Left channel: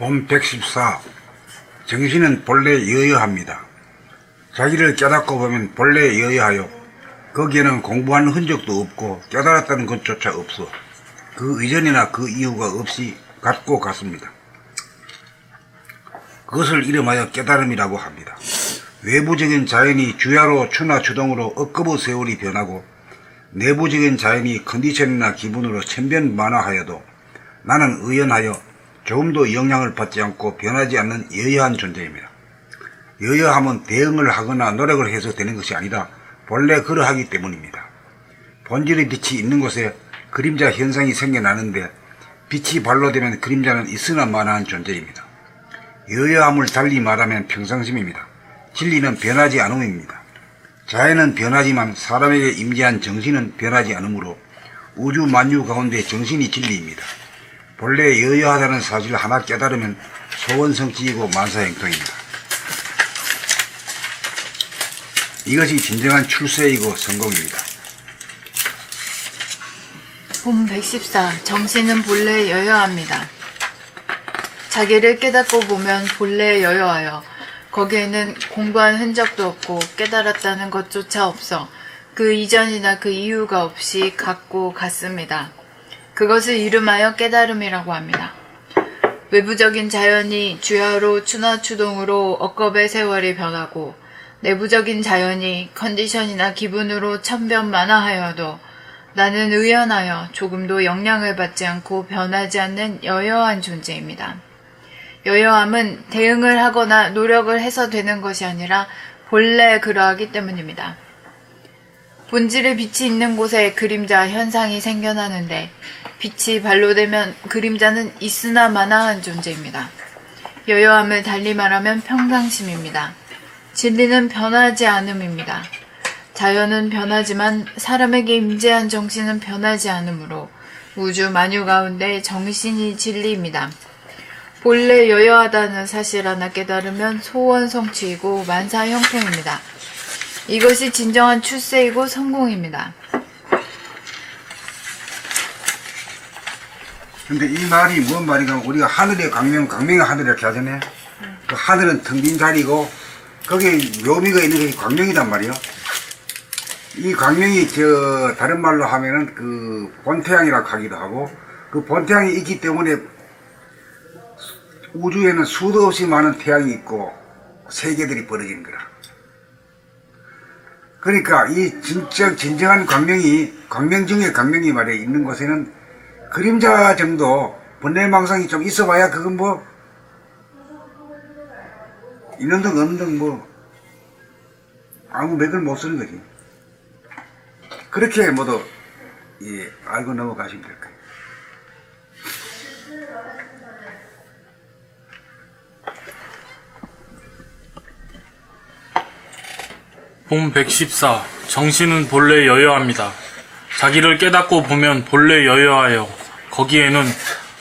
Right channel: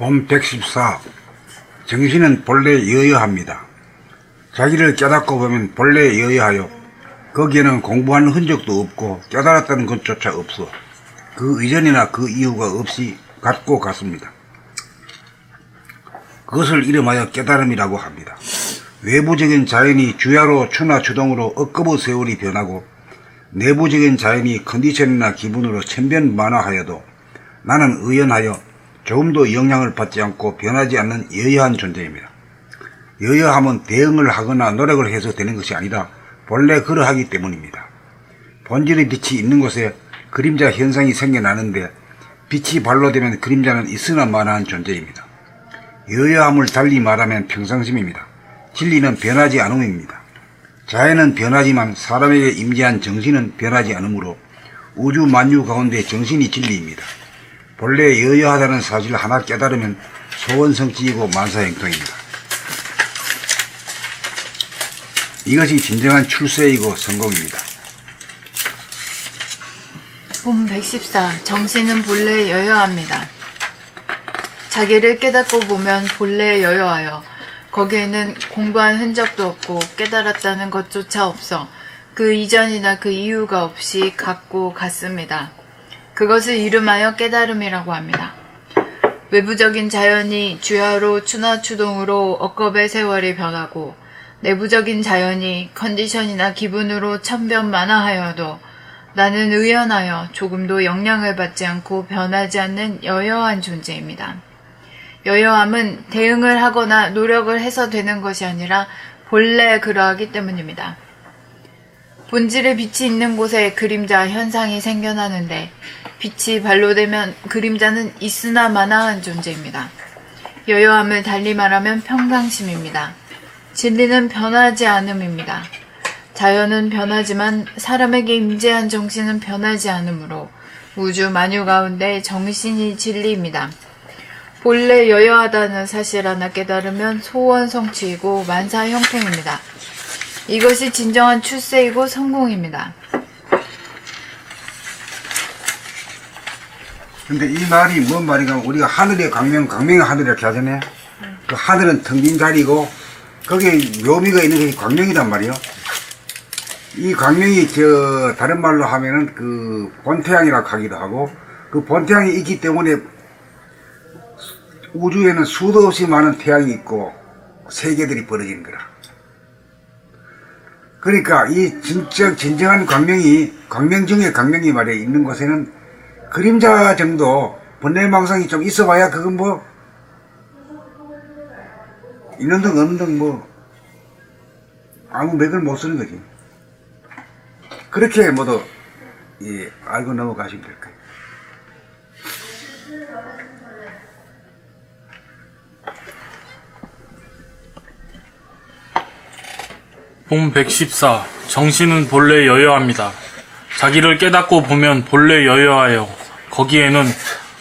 본 114. 정신은 본래 여여합니다. 자기를 깨닫고 보면 본래 여여하여 거기에는 공부하는 흔적도 없고 깨달았다는 것조차 없어 그 이전이나 그 이후가 없이 같고 같습니다. 그것을 이름하여 깨달음이라고 합니다. 외부적인 자연이 주야로 추나 추동으로 억겁의 세월이 변하고 내부적인 자연이 컨디션이나 기분으로 천변만화하여도 나는 의연하여 조금도 영향을 받지 않고 변하지 않는 여여한 존재입니다. 여여함은 대응을 하거나 노력을 해서 되는 것이 아니라 본래 그러하기 때문입니다. 본질의 빛이 있는 곳에 그림자 현상이 생겨나는데 빛이 발로되면 그림자는 있으나 마나한 존재입니다. 여여함을 달리 말하면 평상심입니다. 진리는 변하지 않음입니다. 자연은 변하지만 사람에게 임재한 정신은 변하지 않으므로 우주 만유 가운데 정신이 진리입니다. 본래 여여하다는 사실을 하나 깨달으면 소원성취이고 만사형통입니다. 이것이 진정한 출세이고 성공입니다. 본 114. 정신은 본래 여여합니다. 자기를 깨닫고 보면 본래 여여하여 거기에는 공부한 흔적도 없고 깨달았다는 것조차 없어 그 이전이나 그 이후가 없이 같고 같습니다. 그것을 이름하여 깨달음이라고 합니다. 외부적인 자연이 주야로 추나 추동으로 억겁의 세월이 변하고 내부적인 자연이 컨디션이나 기분으로 천변만화하여도 나는 의연하여 조금도 영향을 받지 않고 변하지 않는 여여한 존재입니다. 여여함은 대응을 하거나 노력을 해서 되는 것이 아니라 본래 그러하기 때문입니다. 본질의 빛이 있는 곳에 그림자 현상이 생겨나는데 빛이 발로되면 그림자는 있으나 마나한 존재입니다. 여여함을 달리 말하면 평상심입니다. 진리는 변하지 않음입니다. 자연은 변하지만 사람에게 임재한 정신은 변하지 않으므로 우주 만유 가운데 정신이 진리입니다. 본래 여여하다는 사실 하나 깨달으면 소원 성취이고 만사 형통입니다. 이것이 진정한 출세이고 성공입니다. 근데 이 말이 뭔 말인가? 우리가 하늘의 광명의 하늘 이렇게 하잖아요. 그 하늘은 텅빈 달이고 거기에 묘미가 있는 것이 광명이란 말이야. 이 광명이 다른 말로 하면은 그 본태양이라고 하기도 하고 그 본태양이 있기 때문에 우주에는 수도 없이 많은 태양이 있고 세계들이 벌어지는 거라. 그러니까 이 진정한 광명 중에 광명이 말이야 있는 곳에는 그림자 정도 번뇌망상이 좀 있어봐야 그건 뭐 있는 등 없는 등 뭐 아무 맥을 못 쓰는 거죠. 그렇게 모두 알고 넘어가시면 될까. 본 114. 정신은 본래 여여합니다. 자기를 깨닫고 보면 본래 여여하여 거기에는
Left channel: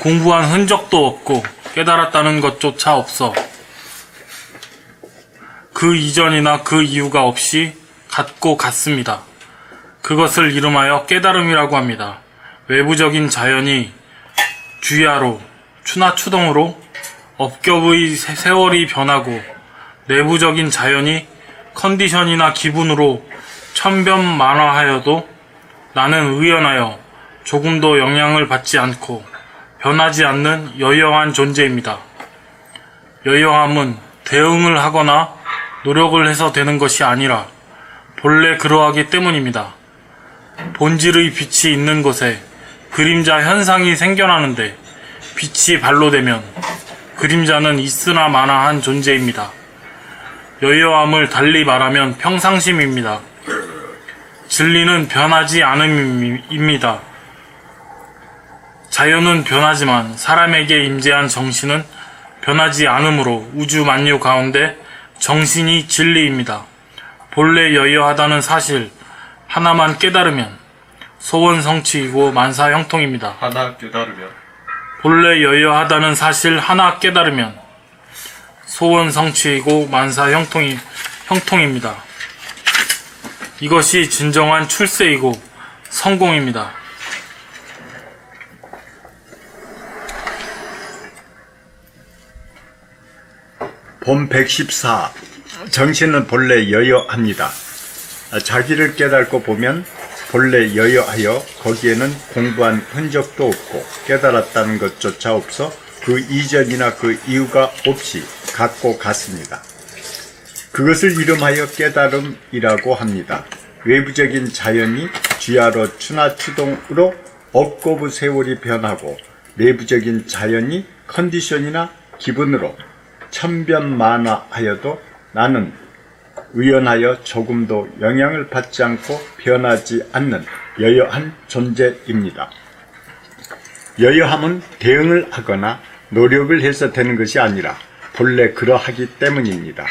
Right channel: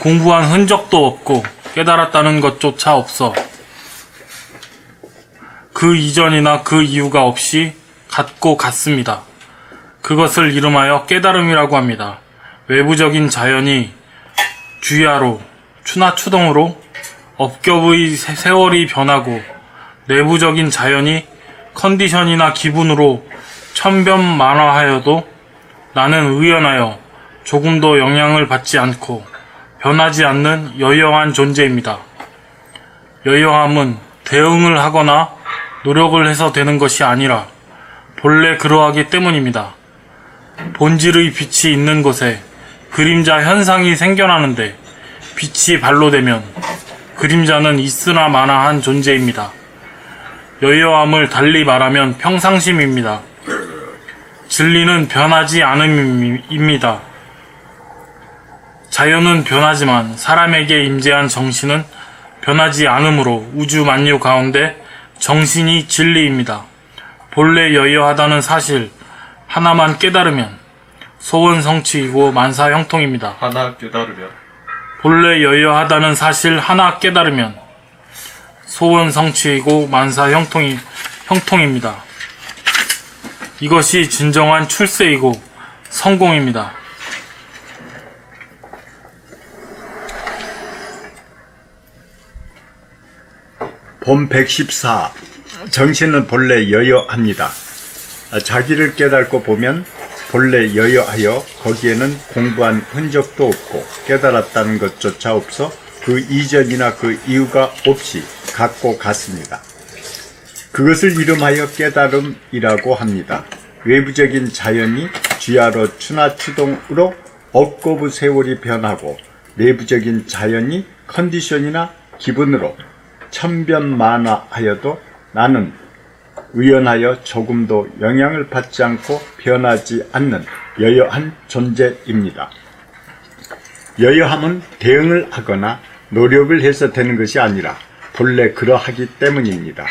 공부한 흔적도 없고 깨달았다는 것조차 없어 그 이전이나 그 이후가 없이 같고 같습니다. 그것을 이름하여 깨달음이라고 합니다. 외부적인 자연이 주야로 추나 추동으로 억겁의 세월이 변하고 내부적인 자연이 컨디션이나 기분으로 천변만화하여도 나는 의연하여 조금도 영향을 받지 않고 변하지 않는 여여한 존재입니다. 여여함은 대응을 하거나 노력을 해서 되는 것이 아니라 본래 그러하기 때문입니다. 본질의 빛이 있는 곳에 그림자 현상이 생겨나는데 빛이 발로되면 그림자는 있으나 마나한 존재입니다. 여여함을 달리 말하면 평상심입니다. 진리는 변하지 않음입니다. 자연은 변하지만 사람에게 임재한 정신은 변하지 않으므로 우주 만유 가운데 정신이 진리입니다. 본래 여여하다는 사실 하나만 깨달으면 소원 성취이고 만사 형통입니다. 하나 깨달으면 본래 여여하다는 사실 하나 깨달으면 소원 성취이고 만사 형통입니다. 이것이 진정한 출세이고 성공입니다. 본 114. 정신은 본래 여여합니다. 자기를 깨닫고 보면 본래 여여하여 거기에는 공부한 흔적도 없고 깨달았다는 것조차 없어 그 이전이나 그 이유가 없이 갖고 갔습니다. 그것을 이름하여 깨달음이라고 합니다. 외부적인 자연이 주야로 추나추동으로 업고부 세월이 변하고 내부적인 자연이 컨디션이나 기분으로 천변만화하여도 나는 의연하여 조금도 영향을 받지 않고 변하지 않는 여여한 존재입니다. 여여함은 대응을 하거나 노력을 해서 되는 것이 아니라 본래 그러하기 때문입니다.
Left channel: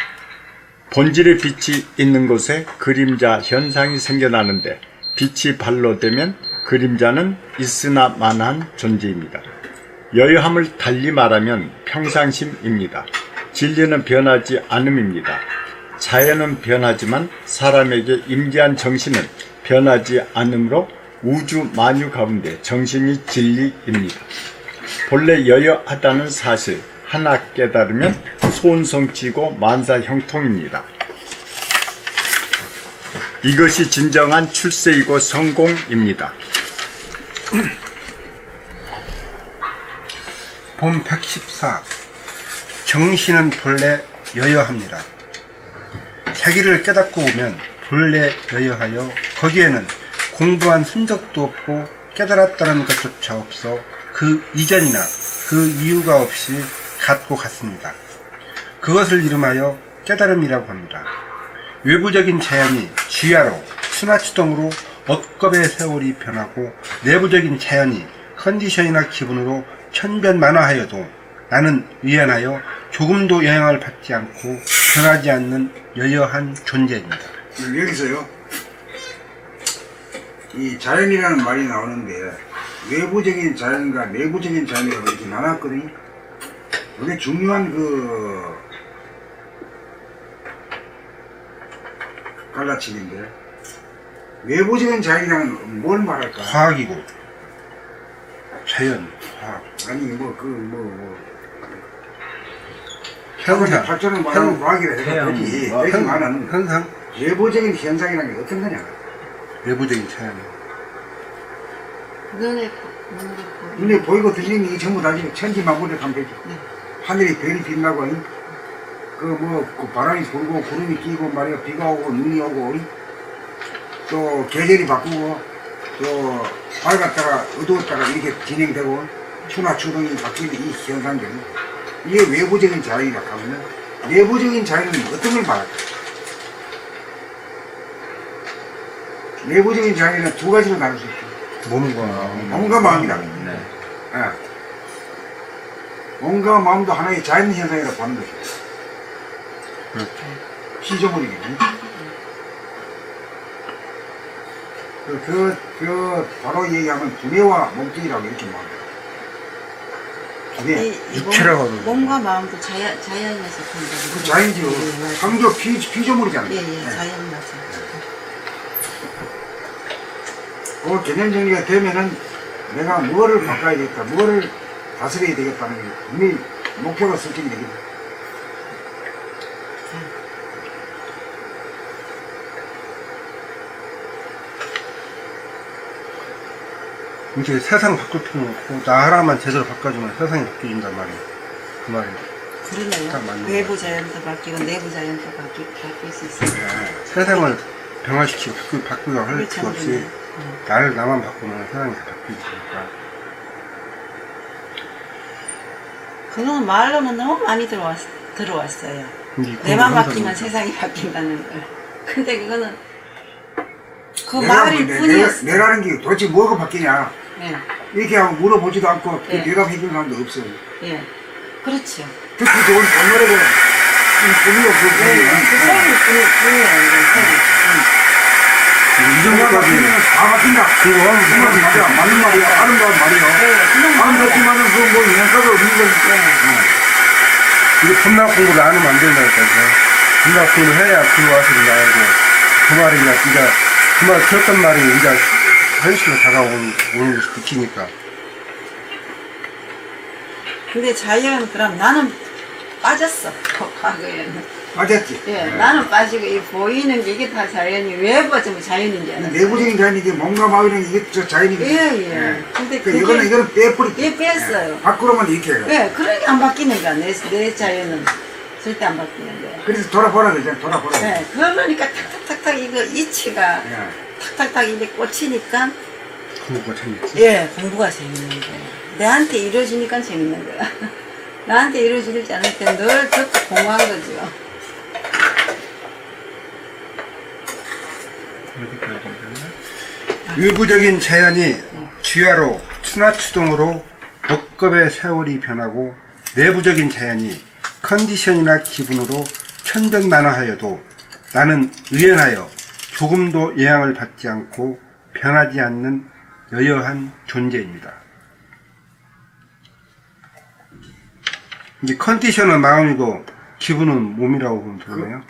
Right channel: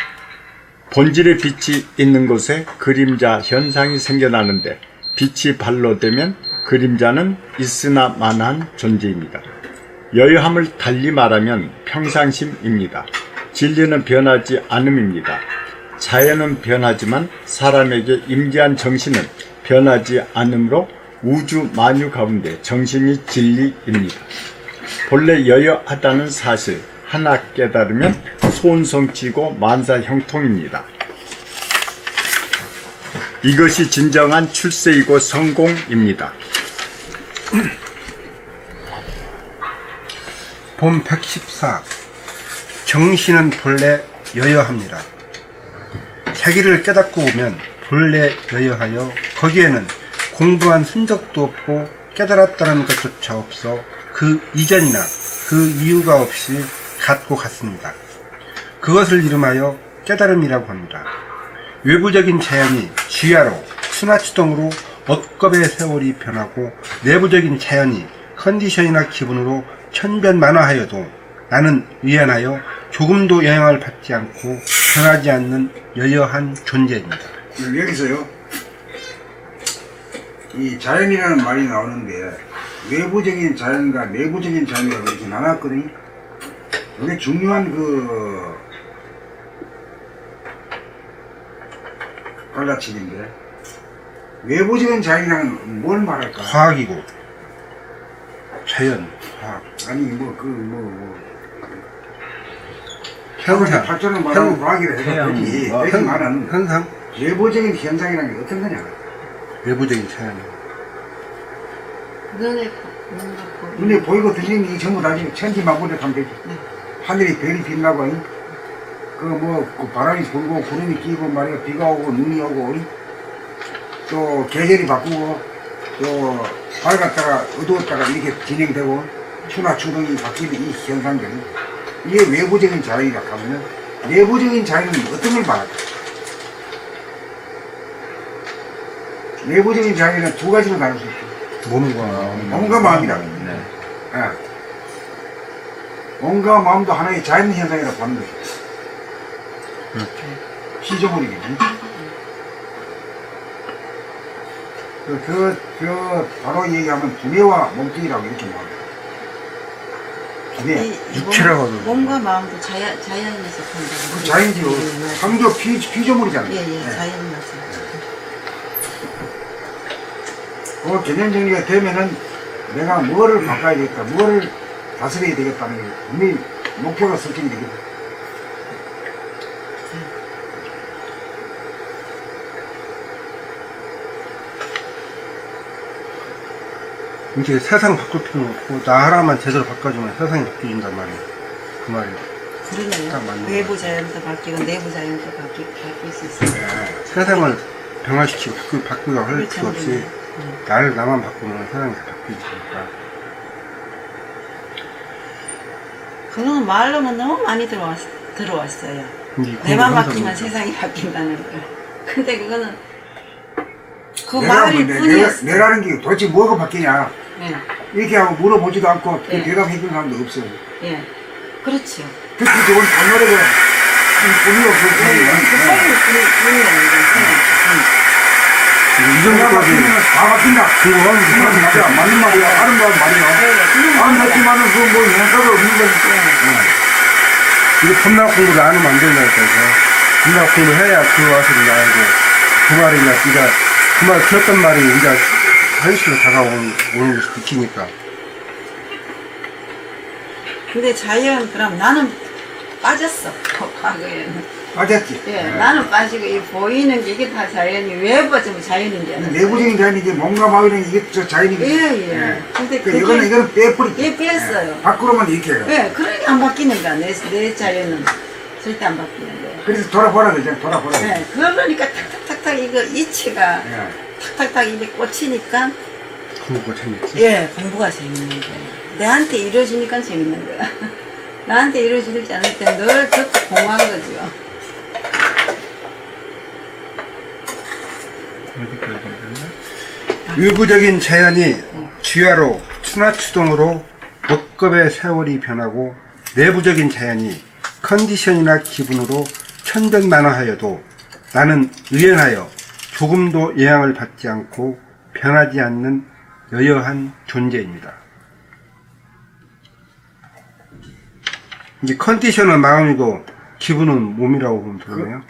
본질의 빛이 있는 곳에 그림자 현상이 생겨나는데 빛이 발로 되면 그림자는 있으나마나한 존재입니다. 여여함을 달리 말하면 평상심입니다. 진리는 변하지 않음입니다. 자연은 변하지만 사람에게 임기한 정신은 변하지 않으므로 우주 만유 가운데 정신이 진리입니다. 본래 여여하다는 사실 하나 깨달으면 소원성취고 만사형통입니다. 이것이 진정한 출세이고 성공입니다. 본 114. 정신은 본래 여여합니다. 자기를 깨닫고 보면 본래 여여하여 거기에는 공부한 흔적도 없고 깨달았다는 것조차 없어 그 이전이나 그 이유가 없이 갖고 갔습니다. 그것을 이름하여 깨달음이라고 합니다. 외부적인 자연이 지하로 순화추동으로 업겁의 세월이 변하고 내부적인 자연이 컨디션이나 기분으로 천변만화하여도 나는 유연하여 조금도 영향을 받지 않고 변하지 않는 여여한 존재입니다. 여기서요, 이 자연이라는 말이 나오는데 외부적인 자연과 내부적인 자연이라고 이렇게 나눴거든요. 이게 중요한 갈라치기인데, 외부적인 자연이란 뭘 말할까? 과학이고 자연, 과학, 아니 현상, 발전을 말하면 과학이라 해도 되지. 되지만은 현상, 외부적인 현상이라는 게 어떤 거냐? 내부적인 자연. 눈에 보이고 들리는 게 전부 다 지금 천지만물에 가면 되지. 하늘이 별이 빛나고, 그 바람이 불고 구름이 끼고 말이야, 비가 오고 눈이 오고, 또 계절이 바꾸고, 또 밝았다가 어두웠다가 이렇게 진행되고, 추나 추동이 바뀌는 이 현상들, 이게 외부적인 자연이라고 하면 내부적인 자연은 어떤 걸 말할까? 내부적인 자연은 두 가지로 나눌 수 있죠. 몸과 마음이다. 네. 예. 몸과 마음도 하나의 자연 현상이라고 보는 거죠. 그렇죠. 피조물이거든요. 바로 얘기하면 두뇌와 몸뚱이라고 이렇게 말합니다. 육체라고 하죠. 몸과 마음도 자연에 속한다고. 그 자연이요. 상조 피조물이잖아요. 예, 자연 맞아요. 그 개념 정리가 되면은 내가 뭐를 바꿔야 되겠다, 뭐를 다스려야 되겠다는 게 분명히 목표가 설정이 되거든. 이제 세상 바꿀 필요는 없고 나 하나만 제대로 바꿔주면 세상이 바뀌어진단 말이에요. 그 말이. 딱 그러네요. 맞는 외부 것 자연도 바뀌고 내부 자연도 바뀔 수 있어요. 세상을 변화시키고 바꾸기가 할 그렇죠, 필요 없이 나만 바꾸면 세상이 다 바뀌니까. 그건 말로는 너무 많이 들어왔어요. 내만 바뀌면 세상이 바뀐다는 걸. 근데 그거는 그 말일 뿐이었어. 내라는 게 도대체 뭐가 바뀌냐. 예, 이렇게 하고 물어보지도 않고 네. 대답해 주는 사람도 없어요. 예, 그렇죠. 듣기 좋은 본노래가 뿐이요, 그 뿐이요. 이런 내가 것까지 바뀌면 다 바뀐다. 그거 하면 그 말이 맞아. 맞는 말이야. 아름다운 말이야. 아름답지만은 그뭐 영상도 없는 거니까. 이거 법락 공부를 안 하면 안 된다니까요. 법락 공부를 해야 그 와서를 나오고 그 말이 이제 그 말 들었던 말이 이제 현실로 다가오는 느끼니까. 근데 자연 그럼 나는 빠졌어. 과거에는. 맞았지? 예, 나는 빠지고 이 보이는 게 이게 다 자연이 외부가 좀 자연인지 알았어. 내부적인 자연이 이게 몸과 마음이는 이게 저 자연이거든. 예. 근데 그 이거는 빼버리. 예, 뺐어요. 밖으로만 이렇게 해요. 예, 그러니까 안 바뀌는 거야. 내 자연은 절대 안 바뀌는 거야. 그래서 돌아보라 그러잖아. 돌아보라. 예, 그러니까 탁탁탁탁 이거 이치가 예. 탁탁탁 이렇게 꽂히니까 공부가 재밌지. 예, 공부가 재밌는 거야. 내한테 이루어지니까 재밌는 거야. 나한테 이루어지지 않을 때 늘 듣고 공허한 거죠. 일부적인 자연이 주야로 추나추동으로 억겁의 세월이 변하고 내부적인 자연이 컨디션이나 기분으로 편변만화하여도 나는 의연하여 조금도 영향을 받지 않고 변하지 않는 여여한 존재입니다. 이제 컨디션은 마음이고 기분은 몸이라고 보면 되나요?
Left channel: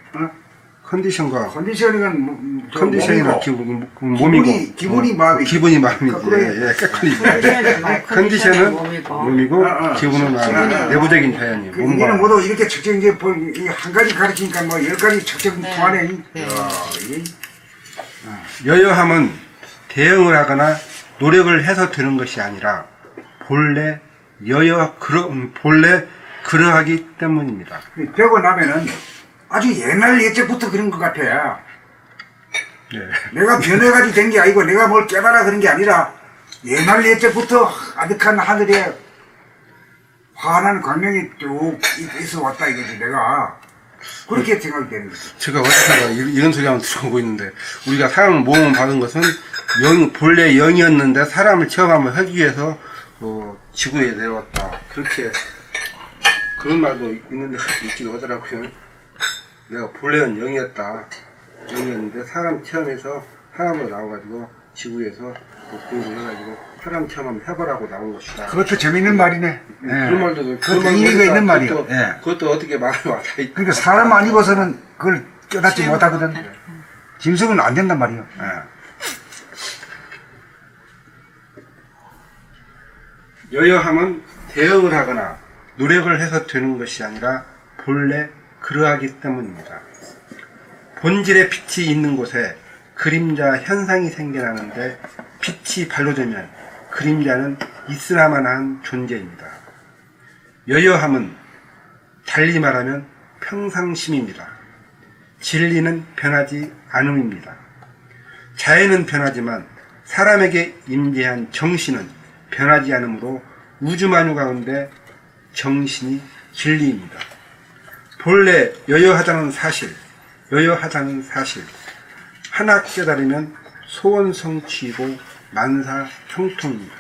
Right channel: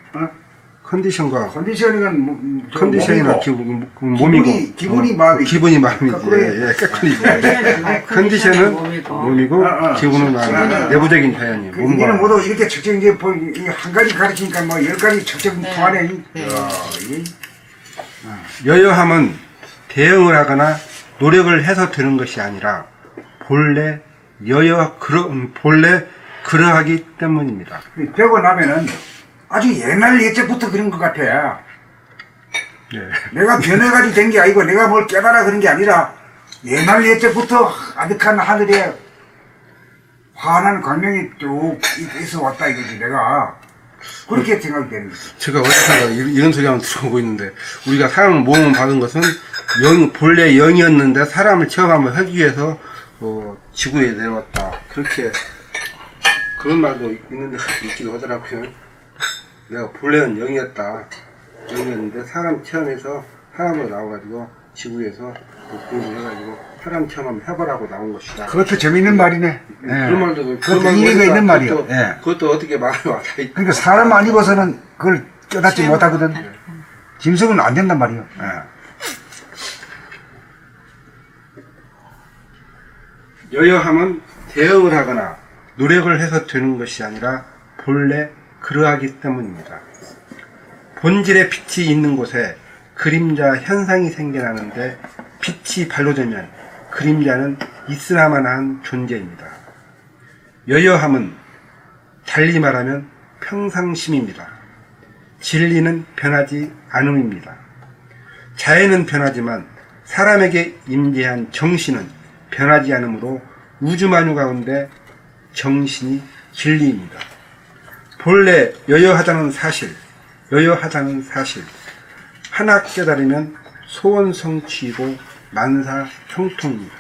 컨디션과 컨디션은 컨디션이나 지금 몸이고 기분이 마음이지. 기분이 마음이지. 그래. 예, 헷갈리죠. 컨디션은 컨디션은 몸이고 기분은 마음이고 아. 내부적인 자연이 이게는 몸과 모두 이렇게 측정 이제 한 가지 가르치니까 뭐 10가지 측정 포함해. 여여함은 대응을 하거나 노력을 해서 되는 것이 아니라 본래 그러하기 때문입니다. 되고 나면은 아주 옛날 예적부터 그런 것 같아. 네. 내가 변해가지고 된 게 아니고 내가 뭘 깨달아 그런 게 아니라 옛날 예적부터 아득한 하늘에 환한 광명이 쭉 있어 왔다 이거지. 내가 그렇게 생각이 되는 거지. 제가 어디선가 이런 소리 한번 들어보고 있는데 우리가 사람을 모험을 받은 것은 본래 영이었는데 사람을 처음 한번 하기 위해서 지구에 내려왔다. 그렇게 그런 말도 있는 데가 있기도 하더라고요. 내가 본래는 영이었다. 영이었는데 사람 체험해서 사람으로 나와가지고 지구에서 공부를 해가지고 사람 체험 한번 해보라고 나온 것이다. 그것도 재밌는 말이네. 그런 말도 그것도 의미가 있는 말이에요. 그것도 어떻게 말이 왔다. 그러니까 사람 아니고서는 그걸 깨닫지 못하거든. 짐승은 안 된단 말이에요. 여여함은 대응을 하거나 노력을 해서 되는 것이 아니라 본래 그러하기 때문입니다. 본질의 빛이 있는 곳에 그림자 현상이 생겨나는데 빛이 발로되면 그림자는 있으나마나 한 존재입니다. 여여함은 달리 말하면 평상심입니다. 진리는 변하지 않음입니다. 자연은 변하지만 사람에게 임재한 정신은 변하지 않으므로 우주만유 가운데 정신이 진리입니다. 본래 여여하다는 사실 하나 깨달으면 소원성취이고 만사형통입니다.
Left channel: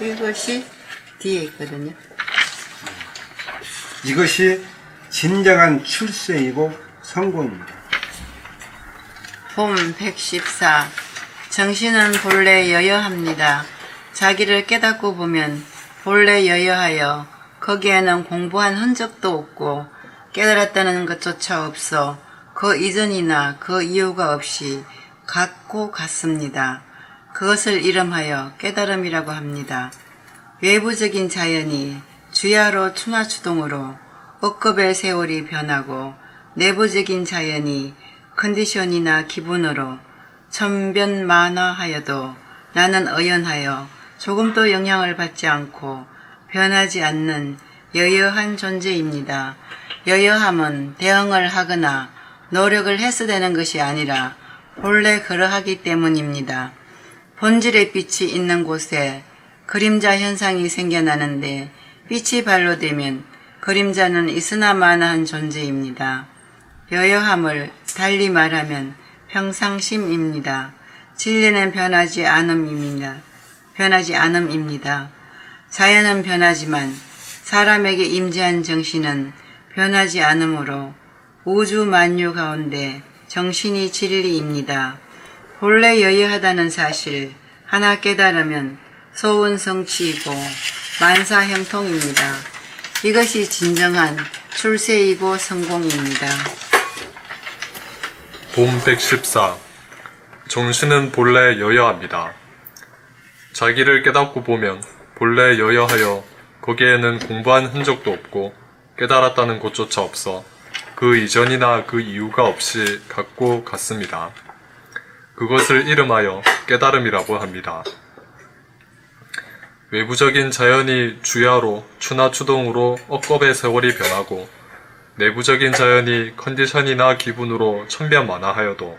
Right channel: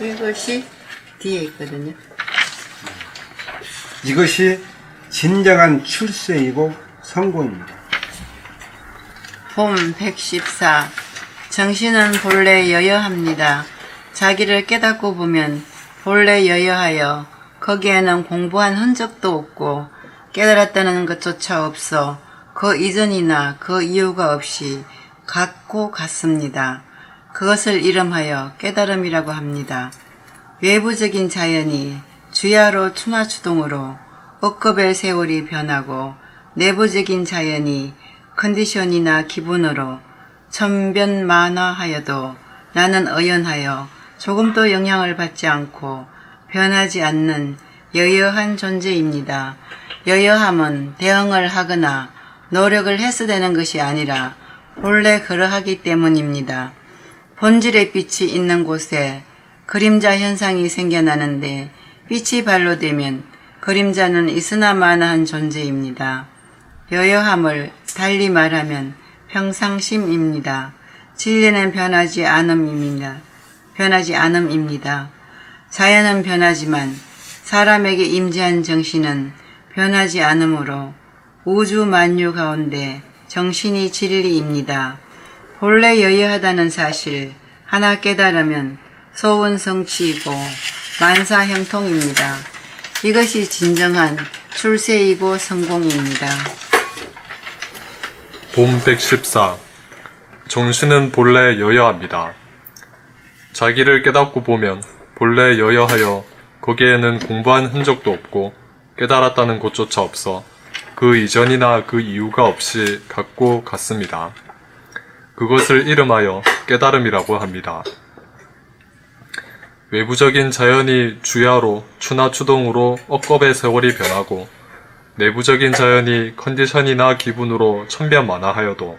이것이 뒤에 있거든요. 이것이 진정한 출세이고 성공입니다. 봄 114. 정신은 본래 여여합니다. 자기를 깨닫고 보면 본래 여여하여 거기에는 공부한 흔적도 없고 깨달았다는 것조차 없어 그 이전이나 그 이유가 없이 같고 같습니다. 그것을 이름하여 깨달음이라고 합니다. 외부적인 자연이 주야로 추나추동으로 억겁의 세월이 변하고 내부적인 자연이 컨디션이나 기분으로 천변만화하여도 나는 의연하여 조금도 영향을 받지 않고 변하지 않는 여여한 존재입니다. 여여함은 대응을 하거나 노력을 해서 되는 것이 아니라 본래 그러하기 때문입니다. 본질의 빛이 있는 곳에 그림자 현상이 생겨나는데 빛이 발로되면 그림자는 있으나마나한 존재입니다. 여여함을 달리 말하면 평상심입니다. 진리는 변하지 않음입니다. 자연은 변하지만 사람에게 임재한 정신은 변하지 않으므로 우주 만유 가운데 정신이 진리입니다. 본래 여여하다는 사실 하나 깨달으면 소원성취이고 만사형통입니다. 이것이 진정한 출세이고 성공입니다. 봄 114. 정신은 본래 여여합니다. 자기를 깨닫고 보면 본래 여여하여 거기에는 공부한 흔적도 없고 깨달았다는 것조차 없어 그 이전이나 그 이유가 없이 갖고 갔습니다. 그것을 이름하여 깨달음이라고 합니다. 외부적인 자연이 주야로 추나 추동으로 억겁의 세월이 변하고 내부적인 자연이 컨디션이나 기분으로 천변만화하여도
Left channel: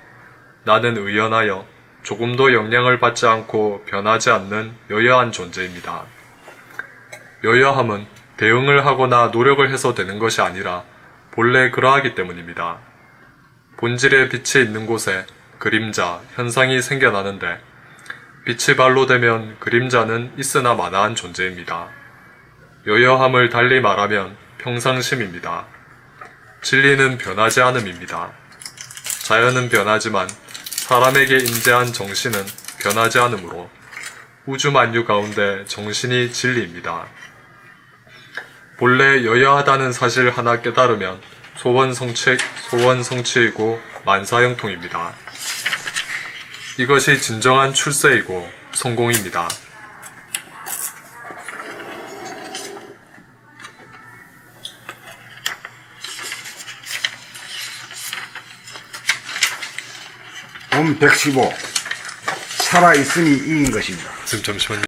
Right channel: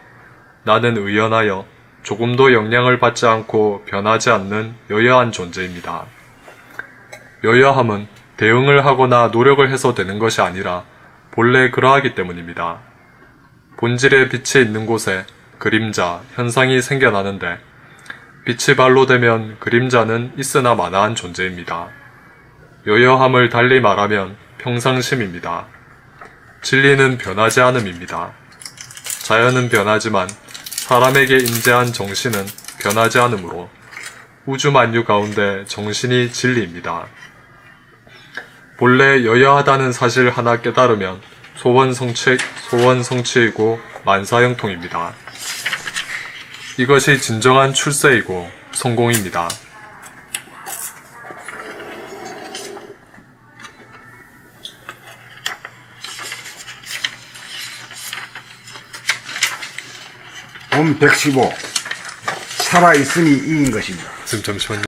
나는 의연하여 조금도 영향을 받지 않고 변하지 않는 여여한 존재입니다. 여여함은 대응을 하거나 노력을 해서 되는 것이 아니라 본래 그러하기 때문입니다. 본질의 빛이 있는 곳에 그림자, 현상이 생겨나는데 빛이 발로 되면 그림자는 있으나 마나한 존재입니다. 여여함을 달리 말하면 평상심입니다. 진리는 변하지 않음입니다. 자연은 변하지만 사람에게 임재한 정신은 변하지 않으므로 우주 만유 가운데 정신이 진리입니다. 본래 여여하다는 사실 하나 깨달으면 소원성취이고 만사형통입니다. 이것이 진정한 출세이고 성공입니다. 돈 115. 살아있음이 이긴 것입니다. 지금 잠시만요.